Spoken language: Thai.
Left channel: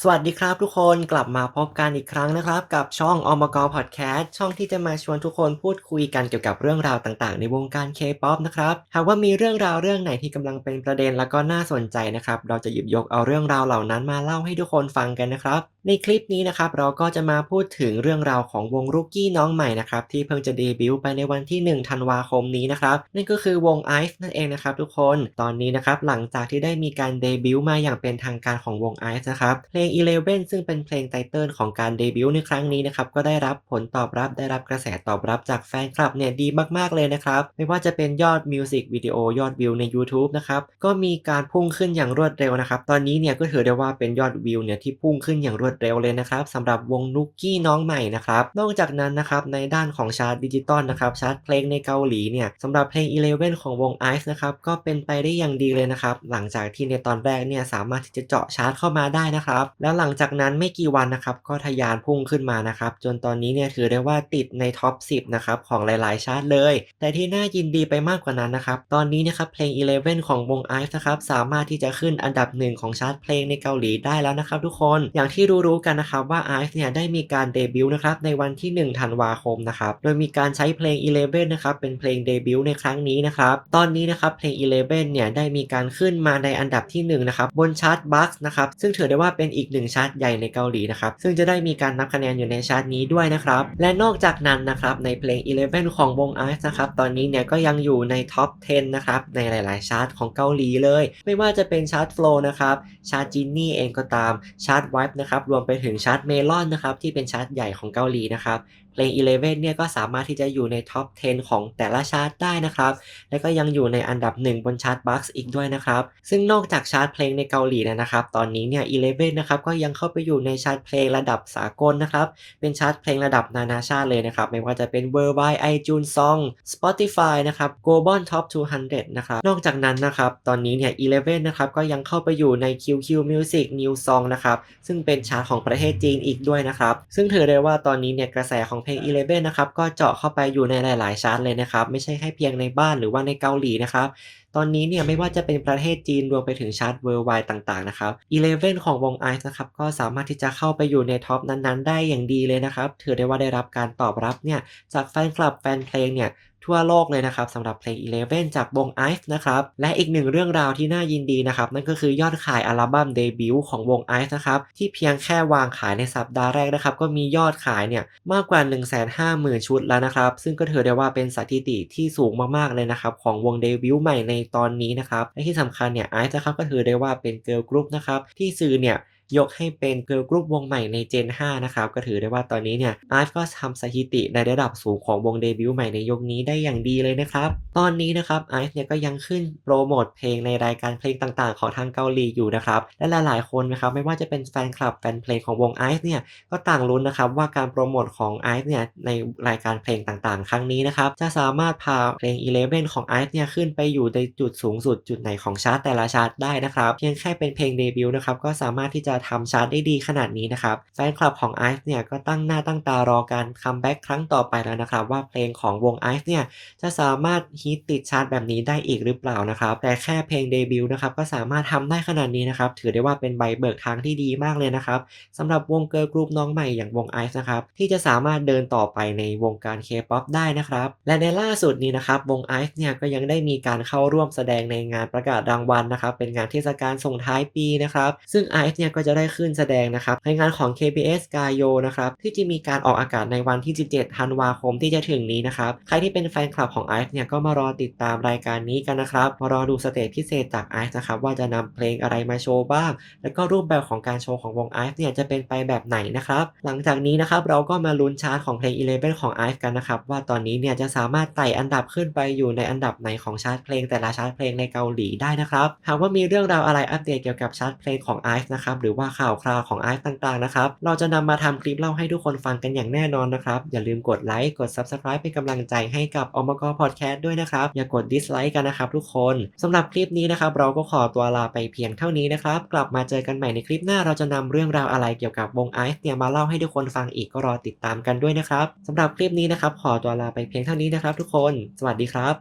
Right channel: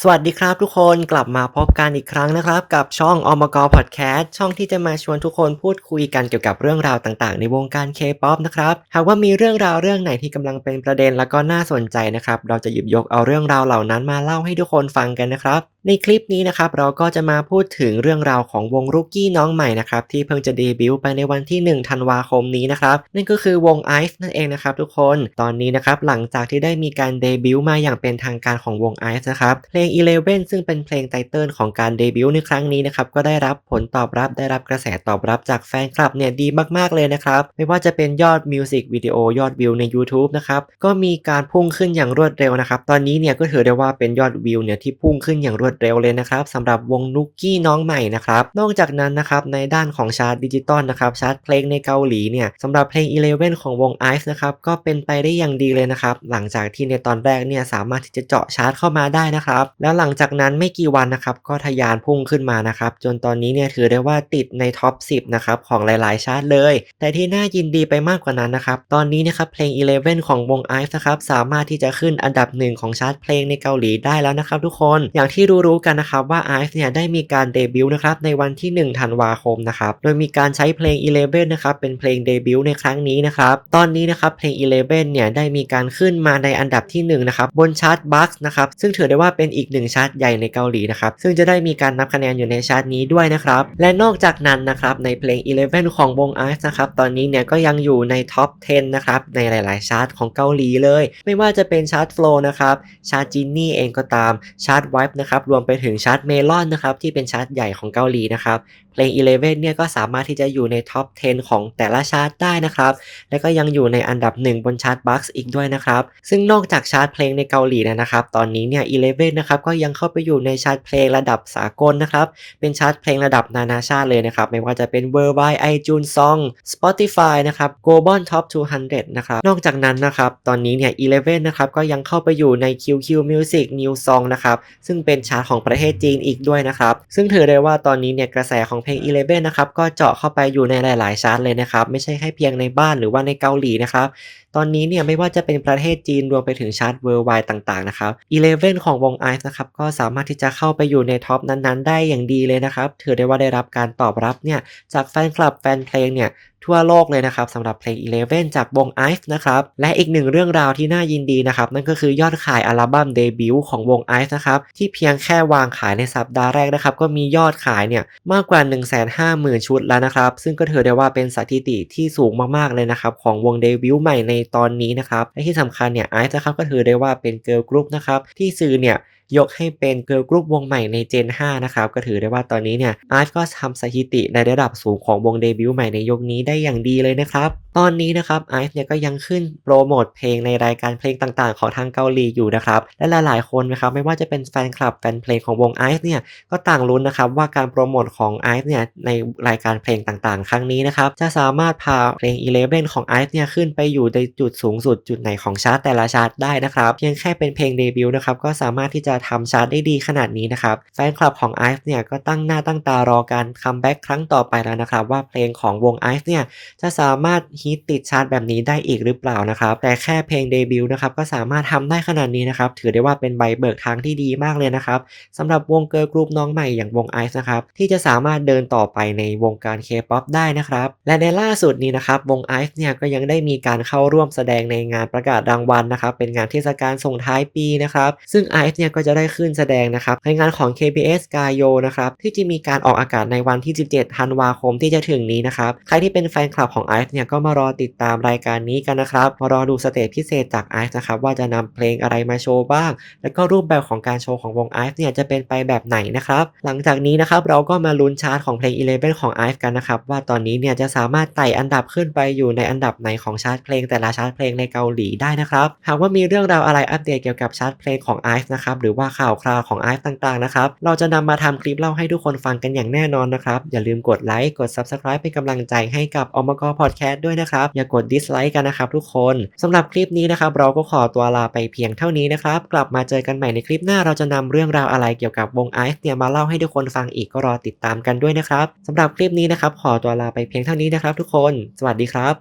สวัสดีครับทุกคนกลับมาพบกันอีกครั้งนะครับ กับช่องอมกพอดแคสต์ช่องที่จะมาชวนทุกคนพูดคุยกันเกี่ยวกับเรื่องราวต่างๆ ในวงการเคป๊อปนะครับหากว่ามีเรื่องราวเรื่องไหนที่กำลังเป็นประเด็นแล้วก็น่าสนใจนะครับ เราจะหยิบยกเอาเรื่องราวเหล่านั้นมาเล่าให้ทุกคนฟังกันนะครับ ในคลิปนี้นะครับเราก็จะมาพูดถึงเรื่องราวของวงรุกกี้น้องใหม่นะครับที่เพิ่งจะเดบิวต์ไปในวันที่ 1 ธันวาคมนี้นะครับนั่นก็คือวง IVE นั่นเองนะครับทุกคนตอนนี้นะครับหลังจากที่ได้มีการเดบิวต์มาอย่างเป็นทางการของวง IVE นะครับเพลง Eleven ซึ่งเป็นเพลงไตเติลของการเดบิวต์ในครั้งนี้นะครับก็ได้รับผลตอบรับได้รับกระแสตอบรับจากแฟนคลับเนี่ยดีมากๆเลยนะครับไม่ว่าจะเป็นยอดมิวสิกวิดีโอยอดวิวใน YouTube นะครับก็มีการพุ่งขึ้นอย่างรวดเร็วนะครับตอนนี้เนี่ยก็ถือได้ว่าเป็นยอดวิวเนี่ยที่พุ่งขึ้นอย่างรวดเร็วเลยนะครับสำหรับวงนุกกี้น้องใหม่นะครับนอกจากนั้นนะครับในด้านของชาร์ตดิจิตอลนะครับชาร์ตเพลงในเกาหลีเนี่ยสำหรับเพลง Eleven ของวง IVE นะครับก็เป็นไปได้อย่างดีเลยนะครับหลังจากที่ในตอนแรกเนี่ยสามารถที่จะเจาะชาร์ตเข้ามาได้นะครับแล้วหลังจากนั้นไม่กี่วันนะครับก็ทะยานพุ่งขึ้นมานะครับจนตอนนี้เนี่ยถือได้ว่าติดในท็อป 10 นะครับของหลายๆ ชาร์ตเลย แต่ที่น่ายินดีไปมากกว่านั้นนะครับตอนนี้นะครับเพลง Eleven ของวง IVE นะครับสามารถที่จะขึ้นอันดับหนึ่งของชาร์ตเพลงในเกาหลีได้แล้วนะครับทุกคนอย่างที่รู้ๆกันนะครับว่า IVE เนี่ยได้มีการเดบิวต์นะครับในวันที่ 1 ธันวาคมนะครับโดยมีการใช้เพลง Eleven นะครับเป็นเพลงเดบิวต์ในครั้งนี้นะครับตอนนี้นะครับเพลง Eleven เนี่ยได้มีการขึ้นมาในอันดับที่1นะครับบนชาร์ตบัคนะครับซึ่งถือได้ว่าเป็นอีกีกหนึ่งชาร์ตใหญ่ในเกาหลีนะครับซึ่งจะได้มีการนับคะแนนอยู่ในชาร์ตนี้ด้วยนะครับและนอกจากนั้นนะครับในเพลง Eleven ของวง IVE นะครับตอนนี้เนี่ยก็ยังอยู่ในท็อป 10 นะครับในหลาย ๆ ชาร์ตของเกาหลีเลย ไม่ว่าจะเป็นชาร์ต Flow นะครับชาร์ตจินนี่เองก็ตามชาร์ต Vibe นะครับรวมไปถึงชาร์ต Melon นะครับที่เป็นชาร์ตใหญ่ของเกาหลีนะครับ เพลง Eleven เนี่ยก็สามารถที่จะอยู่ในท็อป 10 ของแต่ละชาร์ตได้นะครับ และก็ยังอยู่ในอันดับ 1 บนชาร์ตบัคอีกด้วยนะครับ ซึ่งนอกจากชาร์ตเพลงในเกาหลีนะครับ ตอนนี้เนี่ย Eleven นะครับก็ยังเข้าไปอยู่ในชาร์ตเพลงระดับสากลนะครับ เป็นชาร์ตเพลงระดับนานาชาติเลยนะครับ ไม่ว่าจะเป็น Worldwide iTunes Song Spotify นะครับ Global Top 200 นะครับ นอกจากนั้นนะครับ ตอนนี้เนี่ย Eleven นะครับก็ยังเข้าไปอยู่ใน QQ Music New Song นะครับ ซึ่งเป็นชาร์ตของประเทศจีนอีกด้วยนะครับ ซึ่งถือได้ว่าตอนนี้เนี่ยกระแสของเพลง Eleven นะครับก็เจาะเข้าไปอยู่ในหลายๆชาร์ตเลยนะครับ ไม่ใช่แค่เพียงในบ้านหรือว่าในเกาหลีนะครับ ตอนนี้เนี่ยไม่ว่าจะเป็นประเทศจีนรวมไปถึงชาร์ตเวอร์ไวต่างๆนะครับ Eleven ของวง IVE นะครับก็สามารถที่จะเข้าไปอยู่ในท็อปนั้นๆ ได้อย่างดีเลยนะครับ ถือได้ว่าได้รับการตอบรับเนี่ยจากแฟนคลับแฟนเพลงเนี่ย ทั่วโลกเลยนะครับสำหรับเพลง Eleven จากวง IVE นะครับและอีกหนึ่งเรื่องราวที่น่ายินดีนะครับนั่นก็คือยอดขายอัลบั้มเดบิวต์ของวง IVE นะครับที่เพียงแค่วางขายในสัปดาห์แรกนะครับก็มียอดขายเนี่ยมากกว่า 150,000 ชุดแล้วนะครับ ซึ่งก็ถือได้ว่าเป็นสถิติที่สูงมากๆเลยนะครับของวงเดบิวต์ใหม่ในตอนนี้นะครับและที่สำคัญเนี่ย IVE นะครับก็ถือได้ว่าเป็นเกิร์ลกรุ๊ปนะครับที่สื่อเนี่ย ยกให้เป็นเกิร์ลกรุ๊ปวงใหม่ในเจน5นะครับ ก็ถือได้ว่าตอนนี้เนี่ยอาร์ตก็ทำสถิติในระดับสูงของวงเดบิวต์ใหม่ในยุคนี้ได้อย่างดีเลยนะครับตอนนี้นะครับไอาร์เนี่ยก็ยังขึ้นโปรโมทเพลงในรายการเพลงต่างๆ ของทางเกาหลีอยู่นะครับ และหลายๆคนนะครับไม่ว่าจะเป็นแฟนคลับแฟนเพลงของวงไอซ์เนี่ยก็ต่างลุ้นนะครับว่าการโปรโมทของไอซ์เนี่ยในรายการเพลงต่างๆ ครั้งนี้นะครับจะสามารถพาเพลง Eleven ของไอซ์เนี่ยขึ้นไปอยู่ในจุดสูงสุดจุดไหนของชาร์ตแต่ละชาร์ตได้นะครับเพียงแค่เป็นเพลงเดบิวต์นะครับก็สามารถที่จะทำชาร์ตได้ดีขนาดนี้นะครับแฟนคลับของ IVE เนี่ยก็ตั้งหน้าตั้งตารอการคัมแบ็กครั้งต่อไปแล้วนะครับว่าเพลงของวง IVE เนี่ยจะสามารถฮิตติดชาร์ตแบบนี้ได้อีกหรือเปล่านะครับแต่แค่เพลงเดบิวต์นะครับก็สามารถทำได้ขนาดนี้นะครับถือได้ว่าเป็นใบเบิกทางที่ดีมากเลยนะครับสำหรับวงเกิร์ลกรุ๊ปน้องใหม่อย่างวง IVE นะครับที่จะสามารถเดินต่อไปในวงการ K-POP ได้นะครับและในล่าสุดนี้นะครับวง IVE เนี่ยก็ยังได้มีการเข้าร่วมแสดงในงานประกาศรางวัลนะครับเป็นงานเทศกาลส่งท้ายปีนะครับซึ่ง IVE เนี่ยก็จะได้ขึ้นแสดงนะครับในงานของ KBS g a y o นะครับที่จะมีการออกอากาศในวันที่ 17 ธันวาคมที่จะถึงนี้นะครับใครที่เป็นแฟนคลับของ IVE เนี่ยก็มารอติดตามรายการนี้กันนะครับ มารอดูสเตจพิเศษจาก IVE นะครับว่าจะนำเพลงอะไรมาโชว์บ้าง แล้วก็รูปแบบของการโชว์ของวง IVE เนี่ยจะเป็นไปแบบไหนนะครับ หลังจากนี้นะครับเราก็มาลุ้นชาร์ตของเพลง Eleven ของ IVE กันนะครับว่าตอนนี้เนี่ยจะสามารถไต่อันดับขึ้นไปอยู่ในอันดับไหนของชาร์ตเพลงแต่ละชาร์ตเพลงในเกาหลีได้นะครับ หากว่ามีเรื่องราวอะไรอัปเดตเกี่ยวกับชาร์ตเพลงของ IVE นะครับหรือว่าข่าวคราวของ IVE ต่างๆนะครับเราจะนำมาทำคลิปเล่าให้ทุกคนฟังกันอย่างแน่นอนนะครับอย่าลืมกดไลค์กด Subscribe เป็นกำลังใจให้กับอมกพอดแคสต์ด้วยนะครับ อย่ากดดิสไลค์กันนะครับทุกคนสำหรับคลิปนี้นะครับเราก็ขอตัวลาไปเพียงเท่านี้นะครับ กลับมาเจอกันใหม่ในคลิปหน้าเราจะนำเรื่องราวอะไรเกี่ยวกับวงไอซ์เนี่ยมาเล่าให้ทุกคนฟังอีกก็รอติดตามกันด้วยนะครับสำหรับคลิปนี้นะครับขอตัวลาไปเพียงเท่านี้นะครับ ทุกคน สวัสดีครับ